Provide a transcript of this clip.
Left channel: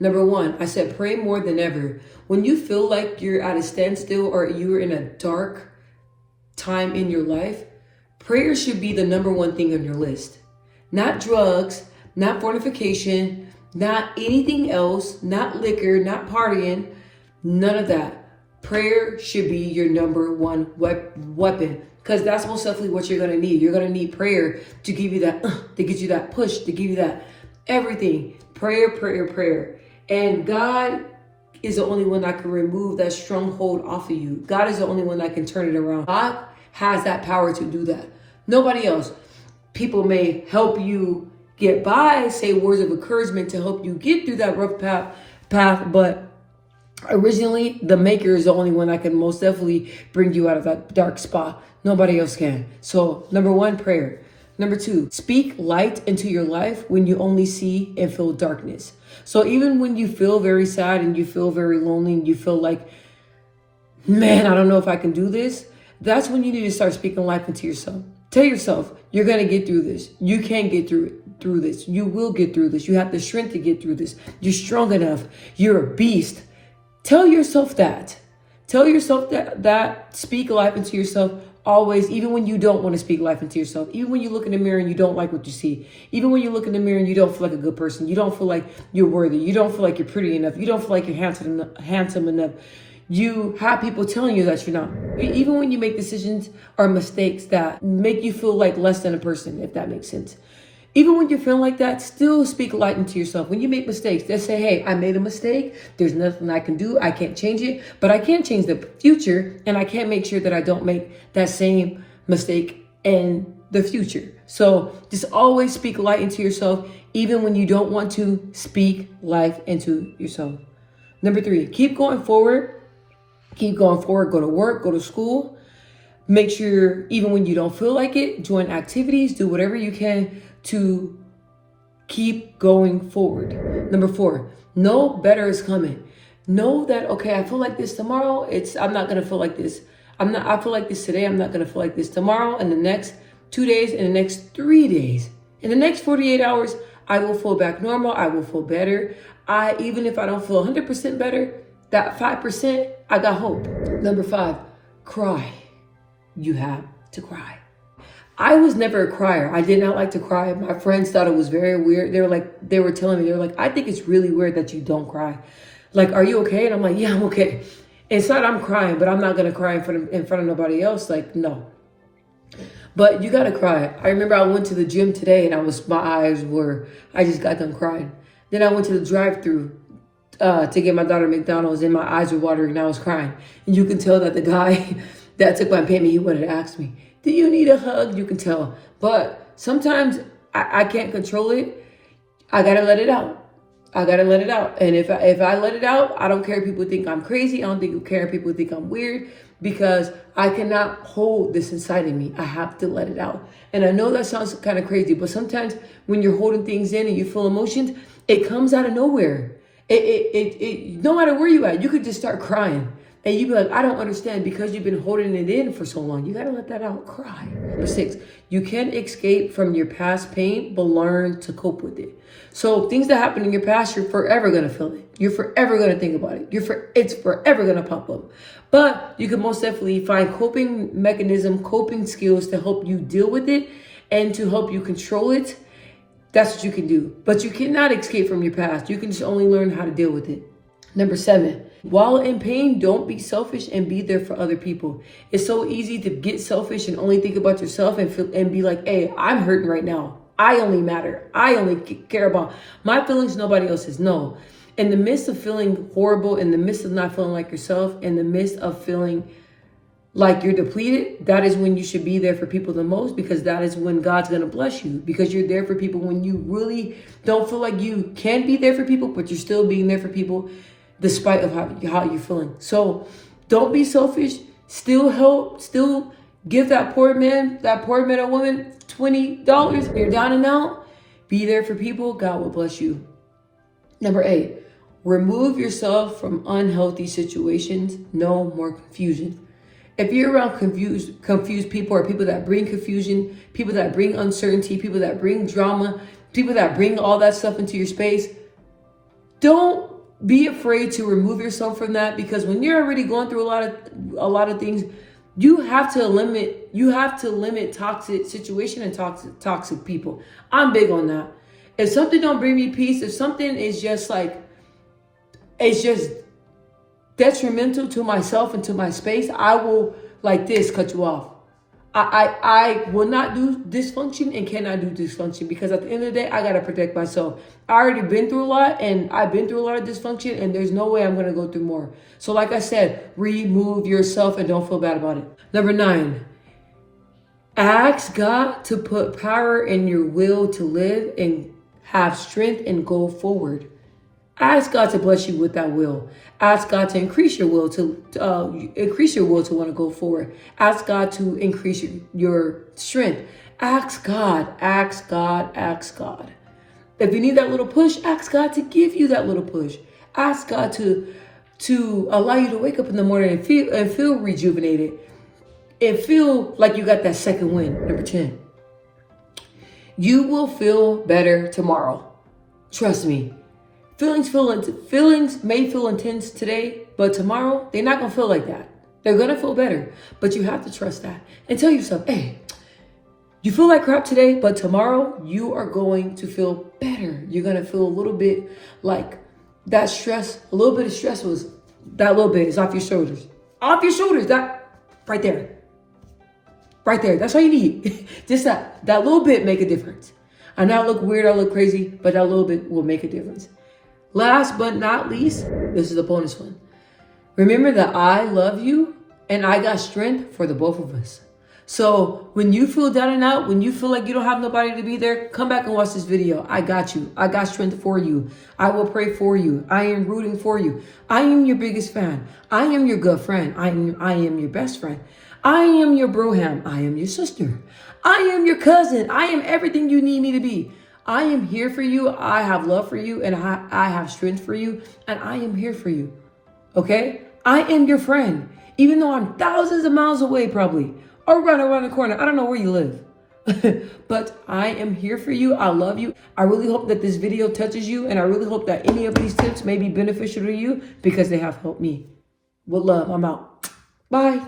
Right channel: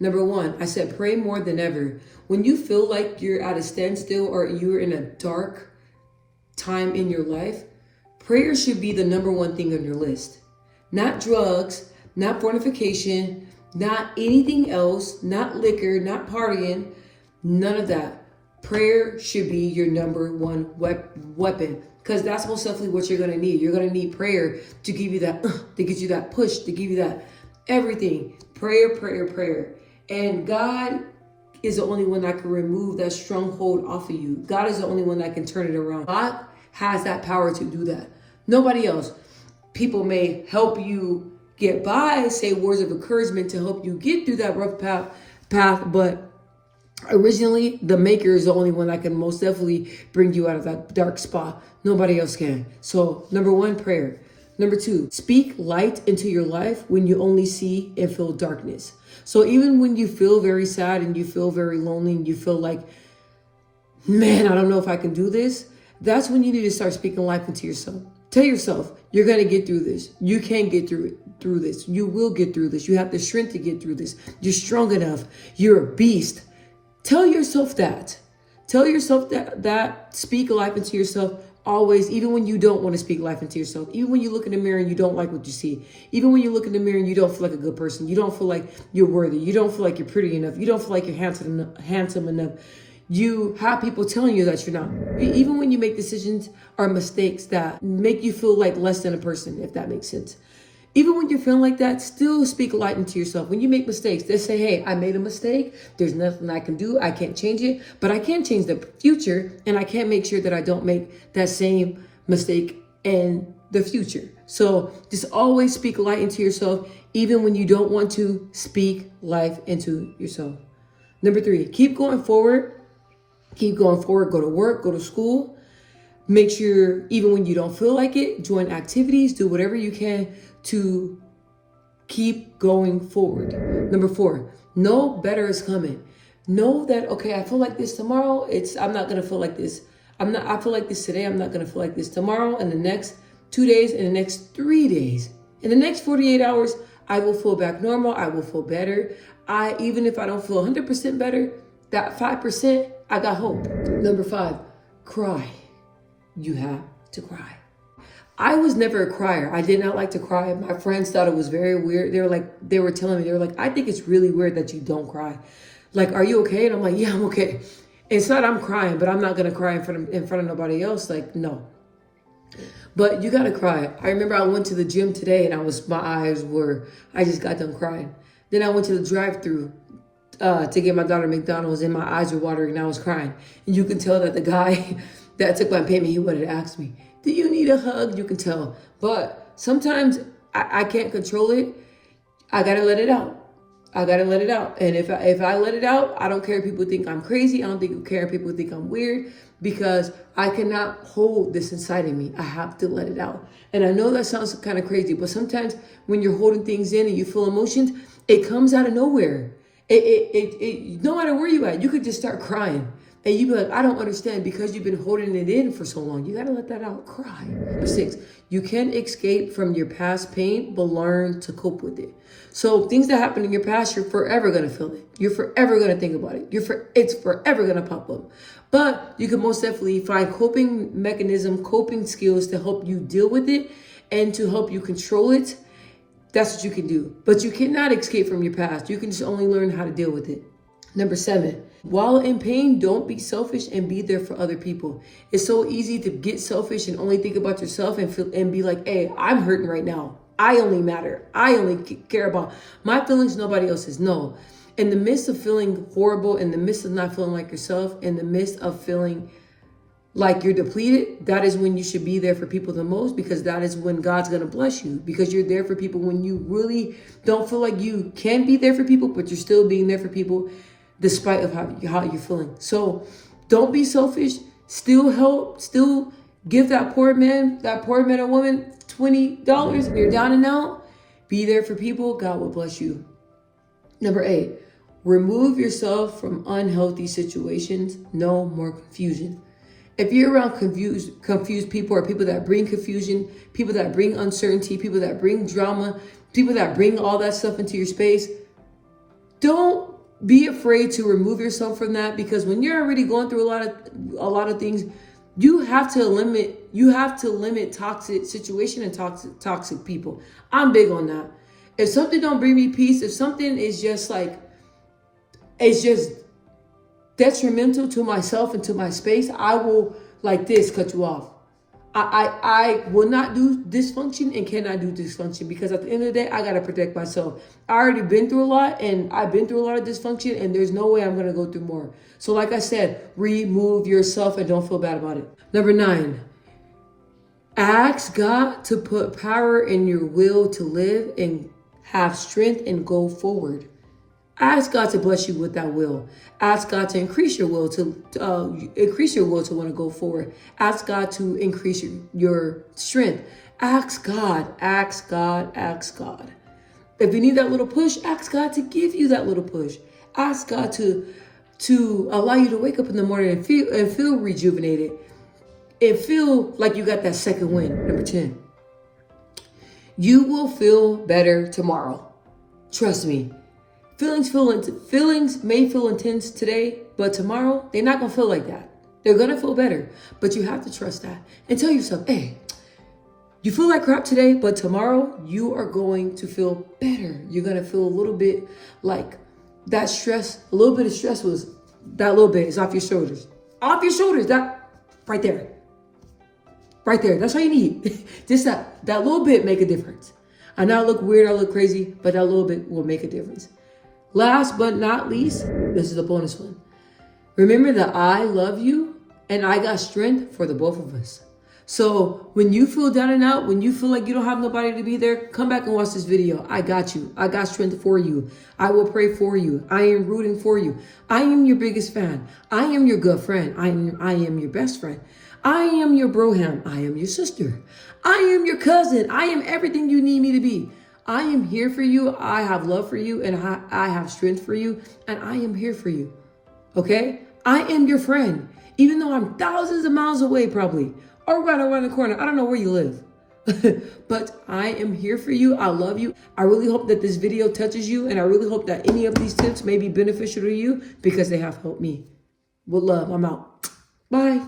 Number one, I said pray more than ever. When you feel like you're at a standstill or you're in a dark time in your life, prayer should be the number one thing on your list. Not drugs, not fornication, not anything else, not liquor, not partying, none of that. Prayer should be your number one weapon, because that's most definitely what you're going to need. You're going to need prayer to give you that, to get you that push, to give you that everything. Prayer, prayer, prayer. And God is the only one that can remove that stronghold off of you. God is the only one that can turn it around. God has that power to do that. Nobody else. People may help you get by, say words of encouragement to help you get through that rough path, but originally the maker is the only one that can most definitely bring you out of that dark spot. Nobody else can. So number one, prayer. Number two, speak light into your life when you only see and feel darkness. So even when you feel very sad and you feel very lonely and you feel like, man, I don't know if I can do this, that's when you need to start speaking life into yourself. Tell yourself, you're going to get through this. You can get through this. You will get through this. You have the strength to get through this. You're strong enough. You're a beast. Tell yourself that. Tell yourself that. Speak life into yourself always, even when you don't want to speak life into yourself. Even when you look in the mirror and you don't like what you see. Even when you look in the mirror and you don't feel like a good person. You don't feel like you're worthy. You don't feel like you're pretty enough. You don't feel like you're handsome enough. You have people telling you that you're not. Even when you make decisions or mistakes that make you feel like less than a person, if that makes sense. Even when you're feeling like that, still speak light into yourself. When you make mistakes, they say, hey, I made a mistake. There's nothing I can do. I can't change it, but I can change the future, and I can make sure that I don't make that same mistake in the future. So just always speak light into yourself, even when you don't want to speak life into yourself. Number three, keep going forward. Keep going forward. Go to work, go to school. Make sure, even when you don't feel like it, join activities, do whatever you can to keep going forward. Number four, know better is coming. Know that, okay, I feel like this tomorrow. I'm not going to feel like this. I feel like this today. I'm not going to feel like this tomorrow, and the next 2 days, and the next 3 days. In the next 48 hours, I will feel back normal. I will feel better. Even if I don't feel 100% better, that 5%, I got hope. Number five, cry. You have to cry. I was never a crier. I did not like to cry. My friends thought it was very weird. They were telling me, I think it's really weird that you don't cry. Like, are you okay? And I'm like, yeah, I'm okay. It's not I'm crying, but I'm not gonna cry in front of nobody else. Like, no. But you gotta cry. I remember I went to the gym today and I just got done crying. Then I went to the drive-thru to get my daughter McDonald's, and my eyes were watering and I was crying. And you can tell that the guy that took my payment, he wanted to ask me, do you need a hug? You can tell. But sometimes I can't control it. I gotta let it out. I gotta let it out. And if I let it out, I don't care if people think I'm crazy. I don't care if people think I'm weird, because I cannot hold this inside of me. I have to let it out. And I know that sounds kind of crazy, but sometimes when you're holding things in and you feel emotions, it comes out of nowhere. No matter where you at, you could just start crying. And you be like, I don't understand, because you've been holding it in for so long. You got to let that out. Cry. Number six, you can escape from your past pain, but learn to cope with it. So things that happen in your past, you're forever going to feel it. You're forever going to think about it. It's forever going to pop up. But you can most definitely find coping skills to help you deal with it and to help you control it. That's what you can do. But you cannot escape from your past. You can just only learn how to deal with it. Number seven, while in pain, don't be selfish and be there for other people. It's so easy to get selfish and only think about yourself and be like, hey, I'm hurting right now. I only matter. I only care about my feelings, nobody else's. No. In the midst of feeling horrible, in the midst of not feeling like yourself, in the midst of feeling like you're depleted, that is when you should be there for people the most, because that is when God's going to bless you, because you're there for people when you really don't feel like you can be there for people, but you're still being there for people despite of how you're feeling. So don't be selfish. Still help. Still give that poor man or woman $20. You're down and out. Be there for people. God will bless you. Number eight, remove yourself from unhealthy situations. No more confusion. If you're around confused people, or people that bring confusion, people that bring uncertainty, people that bring drama, people that bring all that stuff into your space, Don't be afraid to remove yourself from that, because when you're already going through a lot of things, you have to limit toxic situation and toxic people. I'm big on that. If something don't bring me peace, if something is just like, it's just detrimental to myself and to my space, I will like this cut you off. I will not do dysfunction and cannot do dysfunction, because at the end of the day, I got to protect myself. I already been through a lot, and I've been through a lot of dysfunction, and there's no way I'm going to go through more. So like I said, remove yourself and don't feel bad about it. Number 9, ask God to put power in your will to live and have strength and go forward. Ask God to bless you with that will. Ask God to increase your will to want to go forward. Ask God to increase your strength. Ask God, ask God, ask God. If you need that little push, ask God to give you that little push. Ask God to allow you to wake up in the morning and feel rejuvenated and feel like you got that second wind. Number 10, you will feel better tomorrow. Trust me. Feelings may feel intense today, but tomorrow they're not gonna feel like that. They're gonna feel better, but you have to trust that and tell yourself, hey, you feel like crap today, but tomorrow you are going to feel better. You're gonna feel a little bit like that stress, a little bit of stress was that little bit is off your shoulders. Off your shoulders, that right there. Right there. That's all you need. Just that little bit make a difference. I know I look weird, I look crazy, but that little bit will make a difference. Last but not least, this is the bonus one. Remember that I love you and I got strength for the both of us. So when you feel down and out, when you feel like you don't have nobody to be there, come back and watch this video. I got you. I got strength for you. I will pray for you. I am rooting for you. I am your biggest fan. I am your good friend. I am your best friend. I am your broham. I am your sister. I am your cousin. I am everything you need me to be. I am here for you. I have love for you, and I have strength for you, and I am here for you. Okay? I am your friend, even though I'm thousands of miles away probably, or right around the corner. I don't know where you live. But I am here for you. I love you. I really hope that this video touches you, and I really hope that any of these tips may be beneficial to you, because they have helped me. With love, I'm out. Bye.